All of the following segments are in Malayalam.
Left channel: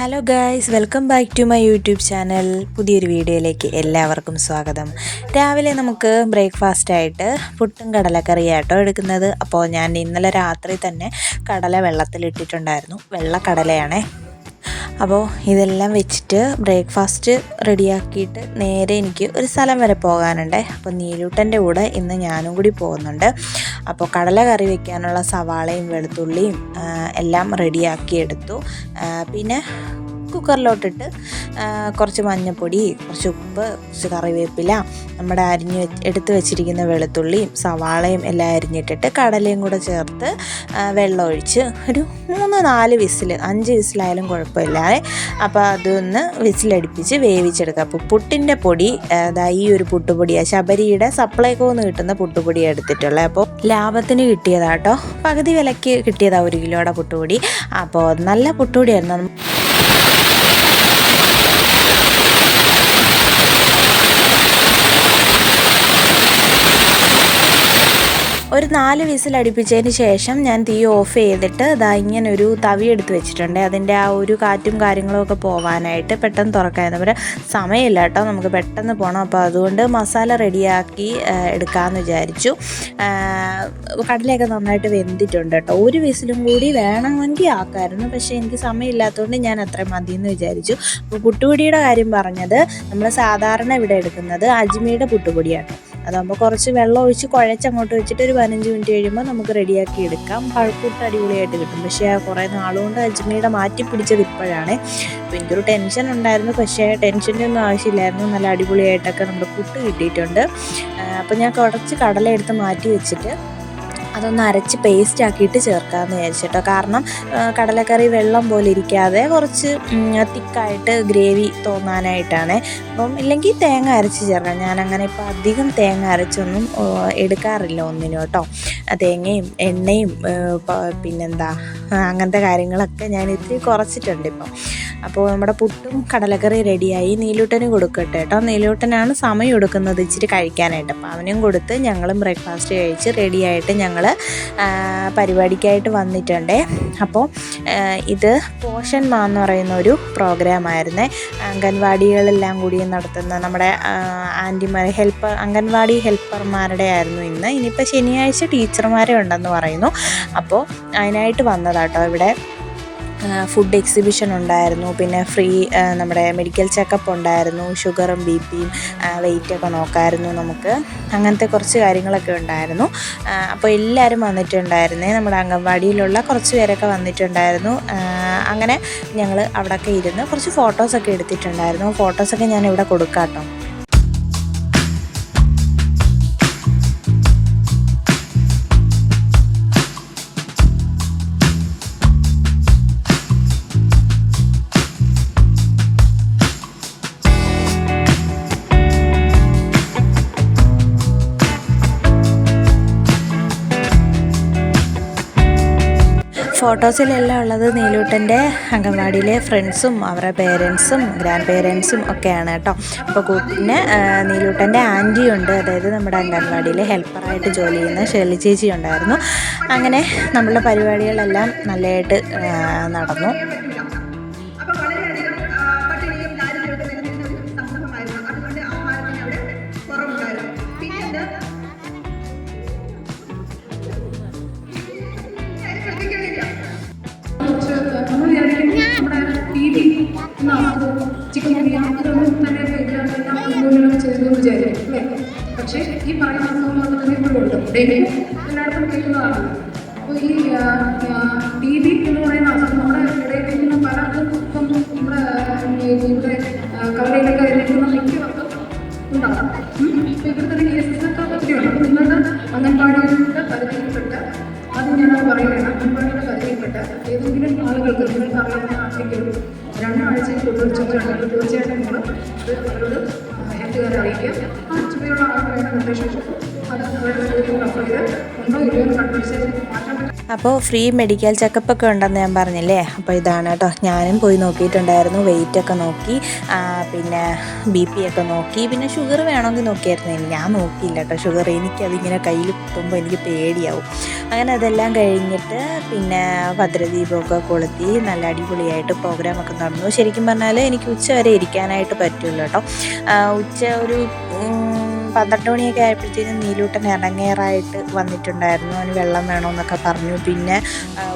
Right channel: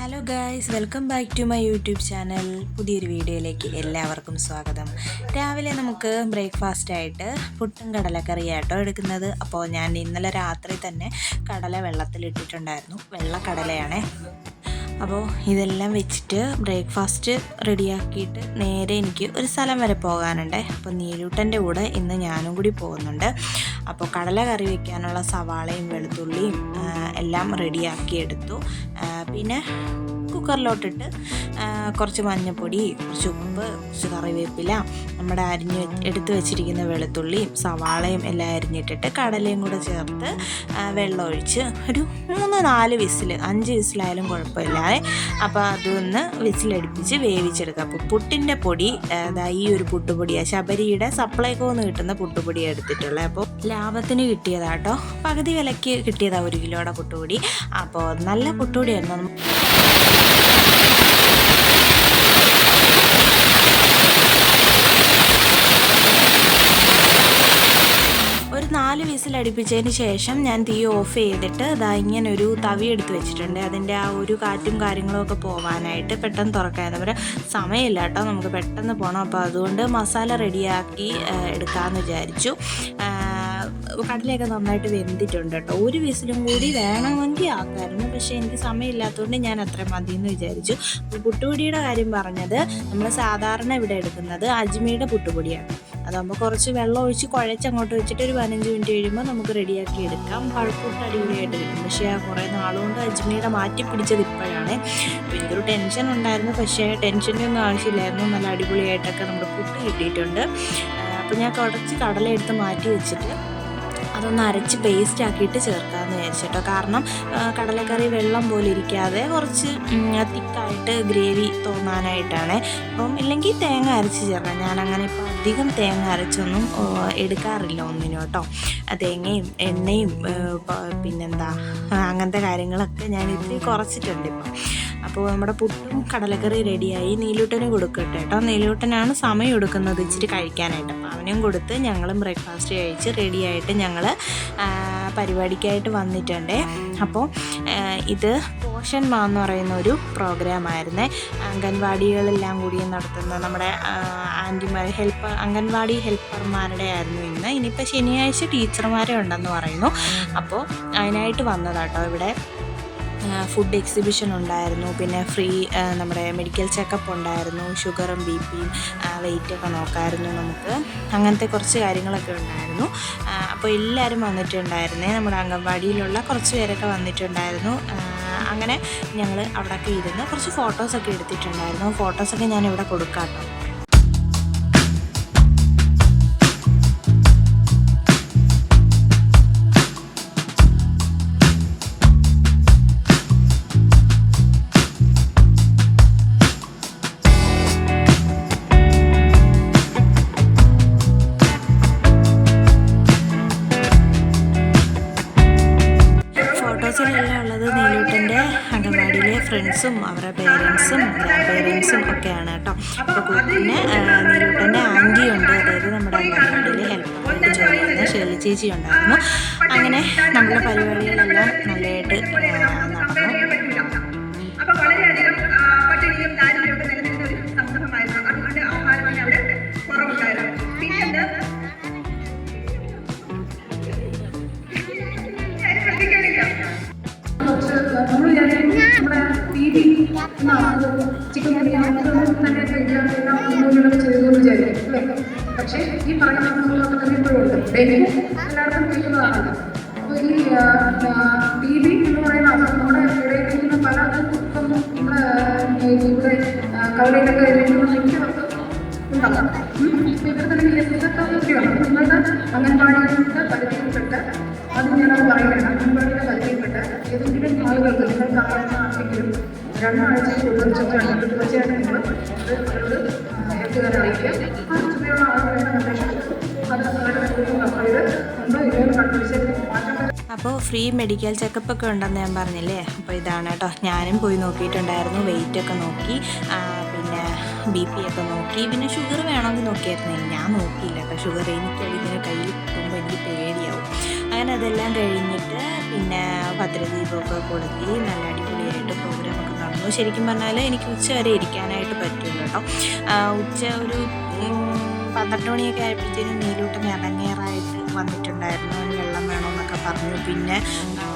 Hello guys welcome back to my YouTube channel പുതിയൊരു വീഡിയോയിലേക്ക് എല്ലാവർക്കും സ്വാഗതം. രാവിലെ നമുക്ക് ബ്രേക്ക്ഫാസ്റ്റ് ആയിട്ട് പുട്ടും കടലക്കറിയാട്ടോ എടുക്കുന്നത്. അപ്പോൾ ഞാൻ ഇന്നലെ രാത്രി തന്നെ കടല വെള്ളത്തിലിട്ടിട്ടുണ്ടായിരുന്നു. വെള്ളക്കടലയാണേ. അപ്പോൾ ഇതെല്ലാം വെച്ചിട്ട് ബ്രേക്ക്ഫാസ്റ്റ് റെഡിയാക്കിയിട്ട് നേരെ എനിക്ക് ഒരു സ്ഥലം വരെ പോകാനുണ്ട്. അപ്പോൾ നീലൂട്ടന്റെ കൂടെ ഇന്ന് ഞാനും കൂടി പോകുന്നുണ്ട്. അപ്പോൾ കടല കറി വെക്കാനുള്ള സവാളയും വെളുത്തുള്ളിയും എല്ലാം റെഡിയാക്കി എടുത്തു. പിന്നെ കുക്കറിലോട്ടിട്ട് കുറച്ച് മഞ്ഞൾപ്പൊടി കുറച്ച് ഉപ്പ് കുറച്ച് കറിവേപ്പില നമ്മുടെ അരിഞ്ഞ് എടുത്ത് വെച്ചിരിക്കുന്ന വെളുത്തുള്ളിയും സവാളയും എല്ലാം അരിഞ്ഞിട്ടിട്ട് കടലയും കൂടെ ചേർത്ത് വെള്ളം ഒഴിച്ച് ഒരു മൂന്ന് നാല് വിസിൽ അഞ്ച് വിസിലായാലും കുഴപ്പമില്ലാതെ അപ്പോൾ അതൊന്ന് വിസിലടുപ്പിച്ച് വേവിച്ചെടുക്കുക. അപ്പോൾ പുട്ടിന്റെ പൊടി അതായത് ഈ ഒരു പുട്ടുപൊടിയാണ് ശബരിയുടെ സപ്ലൈകോന്ന് കിട്ടുന്ന പുട്ടുപൊടി എടുത്തിട്ടുള്ളത്. അപ്പോൾ ലാഭത്തിന് കിട്ടിയതാട്ടോ. പകുതി വിലയ്ക്ക് കിട്ടിയതാണ് ഒരു കിലോയുടെ പുട്ടുപൊടി. അപ്പോൾ നല്ല പുട്ടുപൊടിയായിരുന്നു ഒരു നാല് വിസിൽ അടുപ്പിച്ചതിന് ശേഷം ഞാൻ തീ ഓഫ് ചെയ്തിട്ട് ഇതാ ഇങ്ങനെ ഒരു തവി എടുത്ത് വെച്ചിട്ടുണ്ട്. അതിന്റെ ആ ഒരു കാറ്റും കാര്യങ്ങളും ഒക്കെ പോവാനായിട്ട് പെട്ടെന്ന് തുറക്കാൻ പറയുക സമയമില്ല കേട്ടോ. നമുക്ക് പെട്ടെന്ന് പോകണം അപ്പോൾ അതുകൊണ്ട് മസാല റെഡിയാക്കി എടുക്കാമെന്ന് വിചാരിച്ചു. കടലയൊക്കെ നന്നായിട്ട് വെന്തിട്ടുണ്ട് കേട്ടോ. ഒരു വിസിലും കൂടി വേണമെങ്കിൽ ആക്കാമായിരുന്നു പക്ഷേ എനിക്ക് സമയമില്ലാത്തതുകൊണ്ട് ഞാൻ അത്ര മതി എന്ന് വിചാരിച്ചു. അപ്പോൾ പുട്ടുപൊടിയുടെ കാര്യം പറഞ്ഞത് നമ്മൾ സാധാരണ ഇവിടെ എടുക്കുന്നത് അജ്മിയുടെ പുട്ടുപൊടിയാണ്. അതാകുമ്പോൾ കുറച്ച് വെള്ളം ഒഴിച്ച് കുഴച്ച് അങ്ങോട്ട് വെച്ചിട്ട് ഒരു പതിനഞ്ച് മിനിറ്റ് കഴിയുമ്പോൾ നമുക്ക് റെഡിയാക്കി എടുക്കാം. പഴക്കൂട്ട് അടിപൊളിയായിട്ട് കിട്ടും. പക്ഷേ ആ കുറേ നാളുകൊണ്ട് അജ്മീടെ മാറ്റി പിടിച്ചത് ഇപ്പോഴാണ്. അപ്പോൾ എനിക്കൊരു ടെൻഷൻ ഉണ്ടായിരുന്നു. പക്ഷേ ടെൻഷന്റെ ഒന്നും ആവശ്യമില്ലായിരുന്നു. നല്ല അടിപൊളിയായിട്ടൊക്കെ നമ്മുടെ പുട്ട് കിട്ടിയിട്ടുണ്ട്. അപ്പോൾ ഞാൻ കുറച്ച് കടല എടുത്ത് മാറ്റി വെച്ചിട്ട് അതൊന്ന് അരച്ച് പേസ്റ്റ് ആക്കിയിട്ട് ചേർക്കാമെന്ന് വിചാരിച്ചിട്ടോ. കാരണം കടലക്കറി വെള്ളം പോലെ ഇരിക്കാതെ കുറച്ച് തിക്കായിട്ട് ഗ്രേവി തോന്നാനായിട്ടാണ്. അപ്പം ഇല്ലെങ്കിൽ തേങ്ങ അരച്ച് ചേർക്കാം ഞാനങ്ങനെ ഇപ്പോൾ അധികം തേങ്ങ അരച്ചൊന്നും എടുക്കാറില്ല ഒന്നിനും കേട്ടോ തേങ്ങയും എണ്ണയും പിന്നെന്താ അങ്ങനത്തെ കാര്യങ്ങളൊക്കെ ഞാൻ ഇത്തിരി കുറച്ചിട്ടുണ്ട് ഇപ്പം. അപ്പോൾ നമ്മുടെ പുട്ടും കടലക്കറി റെഡിയായി. നീലൂട്ടനും കൊടുക്കട്ടെ കേട്ടോ. നീലൂട്ടനാണ് സമയം എടുക്കുന്നത് ഇച്ചിരി കഴിക്കാനായിട്ട്. അപ്പോൾ അവനും കൊടുത്ത് ഞങ്ങളും ബ്രേക്ക്ഫാസ്റ്റ് കഴിച്ച് റെഡിയായിട്ട് ഞങ്ങൾ പരിപാടിക്കായിട്ട് വന്നിട്ടുണ്ട്. അപ്പോൾ ഇത് പോഷൻ മാ എന്ന് പറയുന്ന ഒരു പ്രോഗ്രാമായിരുന്നേ അംഗൻവാടികളെല്ലാം കൂടി നടത്തുന്ന നമ്മുടെ ആന്റിമാർ ഹെൽപ്പർ അംഗൻവാടി ഹെൽപ്പർമാരുടെ ആയിരുന്നു ഇന്ന്. ഇനിയിപ്പോൾ ശനിയാഴ്ച ടീച്ചർമാരെ ഉണ്ടെന്ന് പറയുന്നു. അപ്പോൾ അതിനായിട്ട് വന്നതാട്ടോ ഇവിടെ. ഫുഡ് എക്സിബിഷൻ ഉണ്ടായിരുന്നു. പിന്നെ ഫ്രീ നമ്മുടെ മെഡിക്കൽ ചെക്കപ്പ് ഉണ്ടായിരുന്നു. ഷുഗറും ബി പിയും വെയിറ്റൊക്കെ നോക്കായിരുന്നു നമുക്ക്. അങ്ങനത്തെ കുറച്ച് കാര്യങ്ങളൊക്കെ ഉണ്ടായിരുന്നു. അപ്പോൾ എല്ലാവരും വന്നിട്ടുണ്ടായിരുന്നേ. നമ്മുടെ അംഗൻവാടിയിലുള്ള കുറച്ച് പേരൊക്കെ വന്നിട്ടുണ്ടായിരുന്നു. അങ്ങനെ ഞങ്ങൾ അവിടെയൊക്കെ ഇരുന്ന് കുറച്ച് ഫോട്ടോസൊക്കെ എടുത്തിട്ടുണ്ടായിരുന്നു. ഫോട്ടോസൊക്കെ ഞാൻ ഇവിടെ കൊടുക്കാം കേട്ടോ ഫോട്ടോസിലെല്ലാം ഉള്ളത് നീലൂട്ടന്റെ അംഗൻവാടിയിലെ ഫ്രണ്ട്സും അവരുടെ പേരൻസും ഗ്രാൻഡ് പേരൻസും ഒക്കെയാണ് കേട്ടോ. അപ്പോൾ പിന്നെ നീലൂട്ടന്റെ ആന്റിയുണ്ട് അതായത് നമ്മുടെ അംഗൻവാടിയിൽ ഹെൽപ്പറായിട്ട് ജോലി ചെയ്യുന്ന ഷെർലി ചേച്ചി ഉണ്ടായിരുന്നു. അങ്ങനെ നമ്മളുടെ പരിപാടികളെല്ലാം നല്ലതായിട്ട് നടന്നു. ഡെയിലി എല്ലായിടത്തും കേൾക്കുന്നതാണ് അപ്പോൾ ഈ ടി വി എന്ന് പറയുന്ന അസുഖം നമ്മുടെ ഇടയിലിരിക്കുന്ന പലർക്കും ഇപ്പം ഇവിടെ കവലയിലൊക്കെ ഇരിക്കുന്ന മിക്കവർക്കും ഉണ്ടാകാം അപ്പോൾ തന്നെ കേസൊക്കെ ഒത്തിരിയാണ് നിങ്ങളുടെ അംഗൻവാടികളുടെ പരിധിയിൽപ്പെട്ട് അത് ഞാനത് പറയുകയാണ്. അംഗൻവാടിയുടെ പരിധിയിൽപ്പെട്ട് ഏതെങ്കിലും ആളുകൾക്ക് നിങ്ങൾക്ക് അറിയാവുന്ന ആർക്കെങ്കിലും രണ്ടാഴ്ചയിൽ കൂടുതൽ ചുറ്റാണെങ്കിൽ തീർച്ചയായിട്ടും നിങ്ങൾ ഇത് എത്തുകാരെ അപ്പോൾ ഫ്രീ മെഡിക്കൽ ചെക്കപ്പ് ഒക്കെ ഉണ്ടെന്ന് ഞാൻ പറഞ്ഞില്ലേ? അപ്പോൾ ഇതാണ് കേട്ടോ. ഞാനും പോയി നോക്കിയിട്ടുണ്ടായിരുന്നു. വെയിറ്റ് ഒക്കെ നോക്കി. പിന്നെ ബി പി ഒക്കെ നോക്കി. പിന്നെ ഷുഗർ വേണമെങ്കിൽ നോക്കിയായിരുന്നു. ഞാൻ നോക്കിയില്ല കേട്ടോ. ഷുഗർ എനിക്കതിങ്ങനെ കയ്യിൽ കിട്ടുമ്പോൾ എനിക്ക് പേടിയാവും. അങ്ങനെ അതെല്ലാം കഴിഞ്ഞിട്ട് പിന്നെ ഭദ്രദീപമൊക്കെ കൊളുത്തി നല്ല അടിപൊളിയായിട്ട് പ്രോഗ്രാമൊക്കെ നടന്നു ശരിക്കും പറഞ്ഞാൽ എനിക്ക് ഉച്ച വരെ ഇരിക്കാനായിട്ട് പറ്റില്ല കേട്ടോ. ഉച്ച ഒരു പന്ത്രണ്ട് മണിയൊക്കെ ആയപ്പോഴത്തേനും നീലൂട്ടൻ ഇറങ്ങേറായിട്ട് വന്നിട്ടുണ്ടായിരുന്നു. അവന് വെള്ളം വേണമെന്നൊക്കെ പറഞ്ഞു. പിന്നെ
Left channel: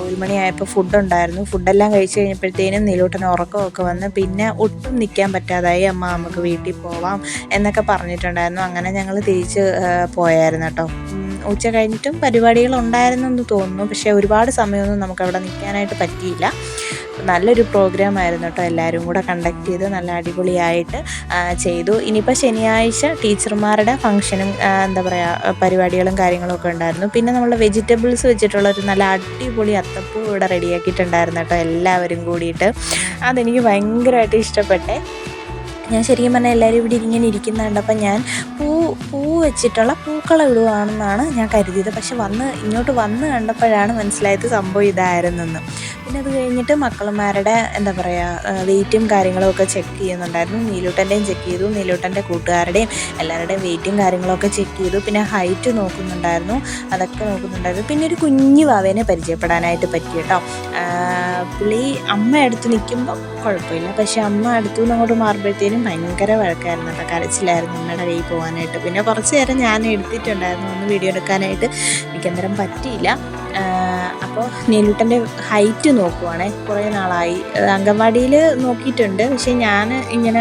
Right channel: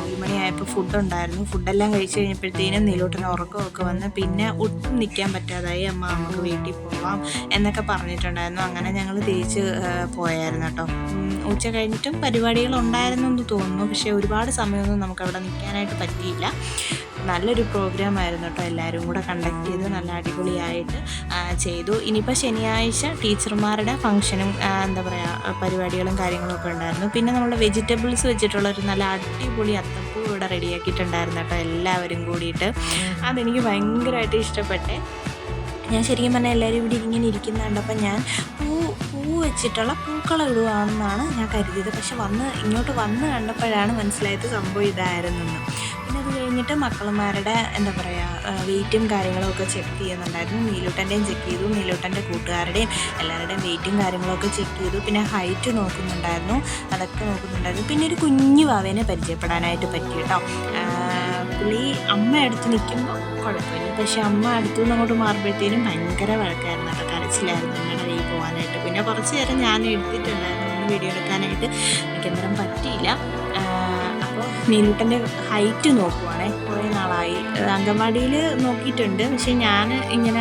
ഒരു മണിയായപ്പോൾ ഫുഡുണ്ടായിരുന്നു. ഫുഡെല്ലാം കഴിച്ച് കഴിഞ്ഞപ്പോഴത്തേനും നീലൂട്ടൻ ഉറക്കമൊക്കെ വന്ന് പിന്നെ ഒട്ടും നിൽക്കാൻ പറ്റാതായി. അമ്മ നമുക്ക് വീട്ടിൽ പോവാം എന്നൊക്കെ പറഞ്ഞിട്ടുണ്ടായിരുന്നു. അങ്ങനെ ഞങ്ങൾ തിരിച്ച് പോയായിരുന്നു കേട്ടോ. ഉച്ച കഴിഞ്ഞിട്ടും എന്ന് തോന്നുന്നു. പക്ഷേ ഒരുപാട് സമയമൊന്നും നമുക്ക് അവിടെ നിൽക്കാനായിട്ട് പറ്റിയില്ല. നല്ലൊരു പ്രോഗ്രാം ആയിരുന്നു കേട്ടോ. എല്ലാവരും കൂടെ കണ്ടക്ട് ചെയ്ത് നല്ല അടിപൊളിയായിട്ട് ചെയ്തു. ഇനിയിപ്പോൾ ശനിയാഴ്ച ടീച്ചർമാരുടെ ഫംഗ്ഷനും എന്താ പറയുക പരിപാടികളും കാര്യങ്ങളും ഒക്കെ ഉണ്ടായിരുന്നു. പിന്നെ നമ്മൾ വെജിറ്റബിൾസ് വെച്ചിട്ടുള്ള ഒരു നല്ല അടിപൊളി അത്തപ്പൂ ഇവിടെ റെഡിയാക്കിയിട്ടുണ്ടായിരുന്നു കേട്ടോ എല്ലാവരും കൂടിയിട്ട്. അതെനിക്ക് ഭയങ്കരമായിട്ട് ഇഷ്ടപ്പെട്ടെ. ഞാൻ ശരിക്കും പറഞ്ഞാൽ എല്ലാവരും ഇവിടെ ഇങ്ങനെ ഇരിക്കുന്ന കണ്ടപ്പോൾ ഞാൻ വെച്ചിട്ടുള്ള പൂക്കളം ഇടുവാണെന്നാണ് ഞാൻ കരുതിയത്. പക്ഷെ വന്ന് ഇങ്ങോട്ട് വന്ന് കണ്ടപ്പോഴാണ് മനസ്സിലായത് സംഭവം ഇതായിരുന്നെന്ന്. പിന്നെ അത് കഴിഞ്ഞിട്ട് മക്കളന്മാരുടെ എന്താ പറയുക വെയിറ്റും കാര്യങ്ങളും ഒക്കെ ചെക്ക് ചെയ്യുന്നുണ്ടായിരുന്നു. നീലൂട്ടന്റെയും ചെക്ക് ചെയ്തു. നീലൂട്ടന്റെ കൂട്ടുകാരുടെയും എല്ലാവരുടെയും വെയിറ്റും കാര്യങ്ങളൊക്കെ ചെക്ക് ചെയ്തു. പിന്നെ ഹൈറ്റ് നോക്കുന്നുണ്ടായിരുന്നു. അതൊക്കെ നോക്കുന്നുണ്ടായിരുന്നു. പിന്നെ ഒരു കുഞ്ഞു വാവേനെ പരിചയപ്പെടാനായിട്ട് പറ്റി കേട്ടോ. പുള്ളി അമ്മ അടുത്ത് നിൽക്കുമ്പോൾ കുഴപ്പമില്ല. പക്ഷെ അമ്മ അടുത്തു നിന്ന് അങ്ങോട്ട് മാറുമ്പോഴത്തേനും ഭയങ്കര വഴക്കായിരുന്നു കേട്ടോ. കരച്ചിലായിരുന്നു അമ്മയുടെ കയ്യിൽ പോകാനായിട്ട്. പിന്നെ കുറച്ച് നേരം ഞാൻ എടുത്തിട്ടുണ്ടായിരുന്നു ഒന്ന് വീഡിയോ എടുക്കാനായിട്ട്. എനിക്കന്നേരം പറ്റിയില്ല. അപ്പോൾ നീലൂട്ടന്റെ ഹൈറ്റ് നോക്കുവാണേ. കുറേ നാളായി. അംഗൻവാടിയിൽ നോക്കിയിട്ടുണ്ട്. പക്ഷേ ഞാൻ ഇങ്ങനെ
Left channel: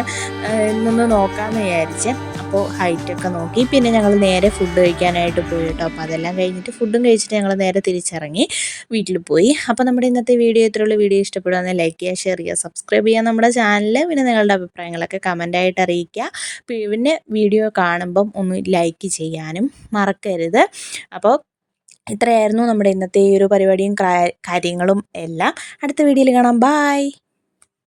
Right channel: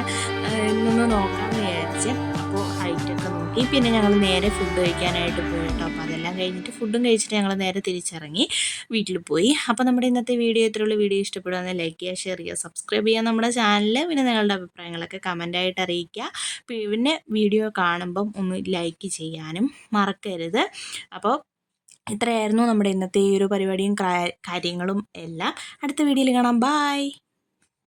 നിന്ന് നോക്കാമെന്ന് വിചാരിച്ച് അപ്പോൾ ഹൈറ്റൊക്കെ നോക്കി. പിന്നെ ഞങ്ങൾ നേരെ ഫുഡ് കഴിക്കാനായിട്ട് പോയി കേട്ടോ അപ്പോൾ അതെല്ലാം കഴിഞ്ഞിട്ട് ഫുഡും കഴിച്ചിട്ട് ഞങ്ങൾ നേരെ തിരിച്ചിറങ്ങി വീട്ടിൽ പോയി. അപ്പോൾ നമ്മുടെ ഇന്നത്തെ വീഡിയോ ഇത്രയുള്ള വീഡിയോ ഇഷ്ടപ്പെടുക ലൈക്ക് ചെയ്യുക ഷെയർ ചെയ്യുക സബ്സ്ക്രൈബ് ചെയ്യുക നമ്മുടെ ചാനൽ പിന്നെ നിങ്ങളുടെ അഭിപ്രായങ്ങളൊക്കെ കമന്റായിട്ട് അറിയിക്കുക. പിന്നെ വീഡിയോ കാണുമ്പം ഒന്ന് ലൈക്ക് ചെയ്യാനും മറക്കരുത്. അപ്പോൾ ഇത്രയായിരുന്നു നമ്മുടെ ഇന്നത്തെ ഈ ഒരു പരിപാടിയും കാര്യങ്ങളും എല്ലാം. അടുത്ത വീഡിയോയിൽ കാണാം. ബായ്